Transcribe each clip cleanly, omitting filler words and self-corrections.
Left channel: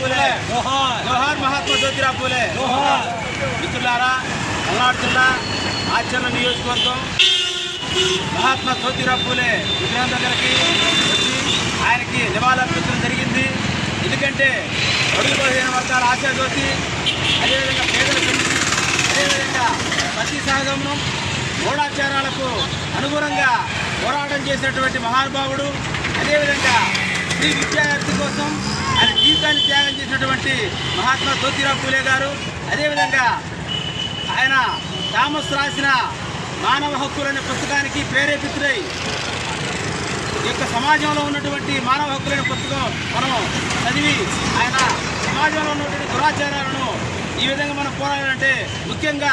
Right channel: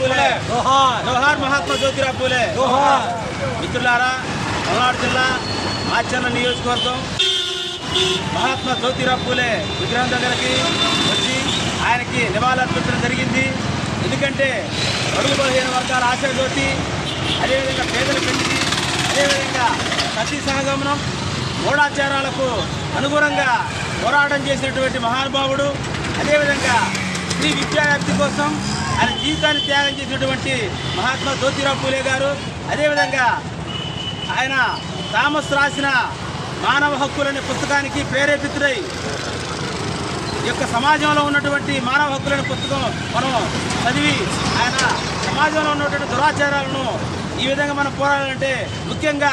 పూలే జోహార్ మహాత్మా జ్యోతిరావు పూలే మిత్రులారా, పల్నాడు జిల్లా ఆచరణ నియోజకవర్గం మహాత్మా జ్యోతిరావు పూలే విగ్రహం దగ్గరికి వచ్చి ఆయనకి నివాళులర్పించడం జరిగింది. ఎందుకంటే అడుగు బలహీన వర్గాల ఆశాజ్యోతి, అదేవిధంగా పేదల పెంచి, అదేవిధంగా సతీ సహగమనం, మూఢాచారాలకు అనుగుణంగా పోరాటం చేసినటువంటి మహానుభావుడు. అదేవిధంగా స్త్రీ విద్యావ్యాప్తి కోసం ఆయన జీవితాన్ని త్యాగం చేసినటువంటి మహాత్మా జ్యోతిరావు పూలే గారు. అదేవిధంగా ఆయన థామస్ రాసిన మానవ హక్కులనే పుస్తకానికి ప్రేరేపితుడై ఈ యొక్క సమాజంలో ఉన్నటువంటి మానవ హక్కులనే పుస్తకం మనం చదివి ఆయన సమాజంలో ఉన్నటువంటి దురాచారాలను ఈ విధంగా మనం పోరాడాలంటే ముఖ్యంగా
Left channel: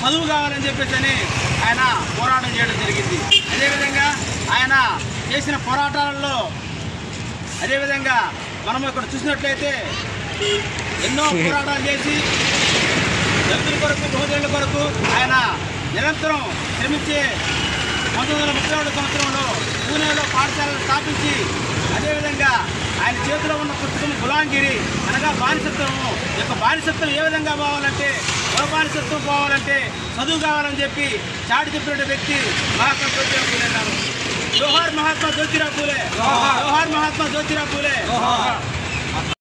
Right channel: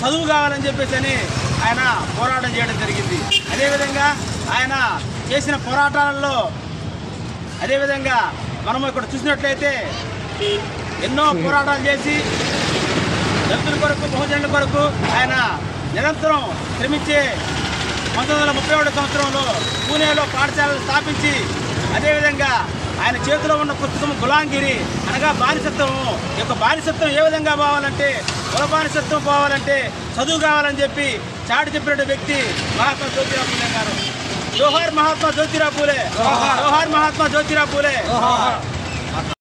చదువు కావాలని చెప్పేసి ఆయన పోరాటం చేయడం జరిగింది. అదేవిధంగా ఆయన చేసిన పోరాటాలలో అదేవిధంగా మనం ఇక్కడ చూసినట్లయితే ఎన్నో పోరాటాలు చేసి దళితుల కొరకు, బహుజనుల కొరకు ఆయన నిరంతరం శ్రమించే 1931 సంవత్సరంలో పూణేలో పాఠశాలను స్థాపించి, అదేవిధంగా ఆయన చేతిలో ఉన్న పుస్తకం గులాంగిరి అనగా బానిసత్వము. ఈ యొక్క బానిసత్వం ఏ విధంగా పోవాలంటే, కుల బానిసత్వం పోవాలంటే చదువు కావాలని చెప్పి చాటి చెప్పిన వ్యక్తి మహాత్మా జ్యోతిరావు పూలే గారు. జోహార్ మహాత్మా జ్యోతిరావు పూలే, జోహార్ మహాత్మా జ్యోతిరావు పూలే.